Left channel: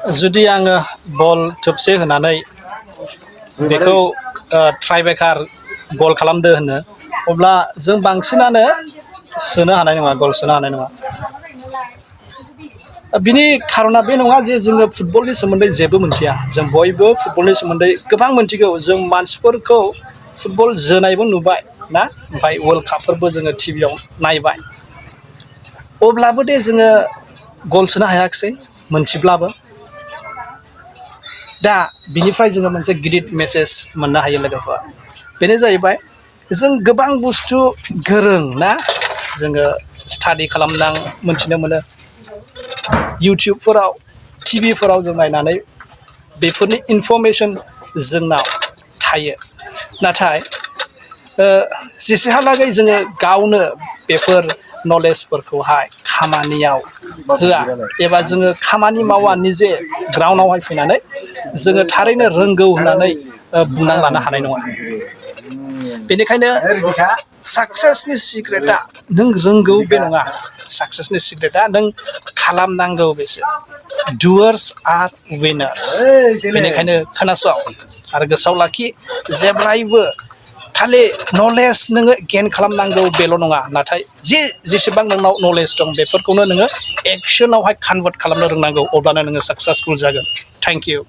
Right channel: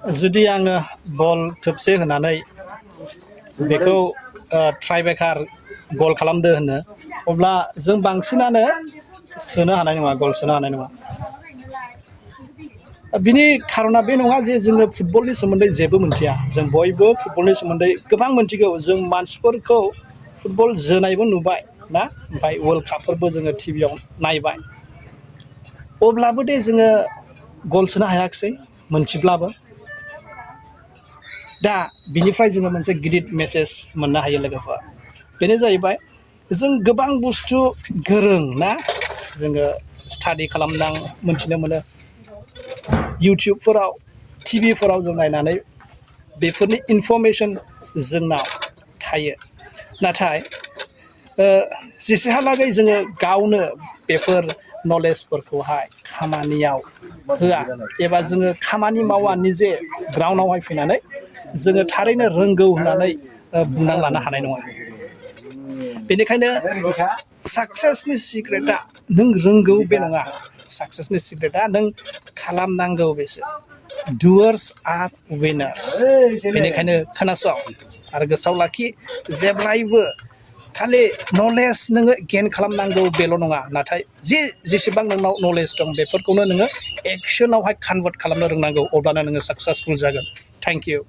जुदि आङो बल थोबसे होनानै बेखौ ट्राइब्रेकार गल खालामदो होनो अब्ला जों बांसिनानो सोनो हानाय नङा गल सोनो हानाय नङा बिनि खारना बे नङा जे जोङो फुटबलनि सोमोन्दै जेबो मोनथिया जों बयबो फुटबलनि सोमोन्दै गोबां मोनथिगौ जों मानसिफोरखौ फुटबल जोनायबो नुबाय ना ओमफ्राय वर्ल्ड कापफोरबो जोङो टिभियाव नायबाय अब्लाबो दे जोङो गल सोनो हायाखिसै मोनथिब्लाबो दा बिनिफ्राय जोङो मोनसे गिदिर मेसेज मोननो हायो लोगोफोर बेनो जाहैबाय जों गोबां बुस्थु गोरों ना जोङो स्टाडि खालामनां मोनथिनो मोनो इउटुबफोराव टिभिफोराव जों नायनानै बेफोरनि इनफरमेसन जोंनाव थायो नाथाय जेसेहालागै जोङो गावनो बेफोर नलेजफोरखौहाय खामानियाव होआ एबा जोङो खामानि मावा निजे ग्राउन्डआवहाय फैनानै जोङो थारैनो रोंगौ होननानै बुंना लानो हानाय नङा बेनिखायनो साक्सेसनि सिक्रेटआ नों रोंगौ बे नङा साक्सेसनि सिक्रेटआ नों खालामनांगौ बेसो डुवार्स आर विनार्स बेनिखायनो खोनासं आरो गोसोआव लाखि जेब्लायबो खालि नलेज नोङो गेइन खालामनांगौ बेल' नङा नाथाय जेसेबां नोंनाव नलेज दं बेफोरखौनो नोङो एक्सनावहाय कनभार्ट खालामनो रोंनांगौ अब्लानो नोङो साक्सेसफुल जागोन थेंक इउ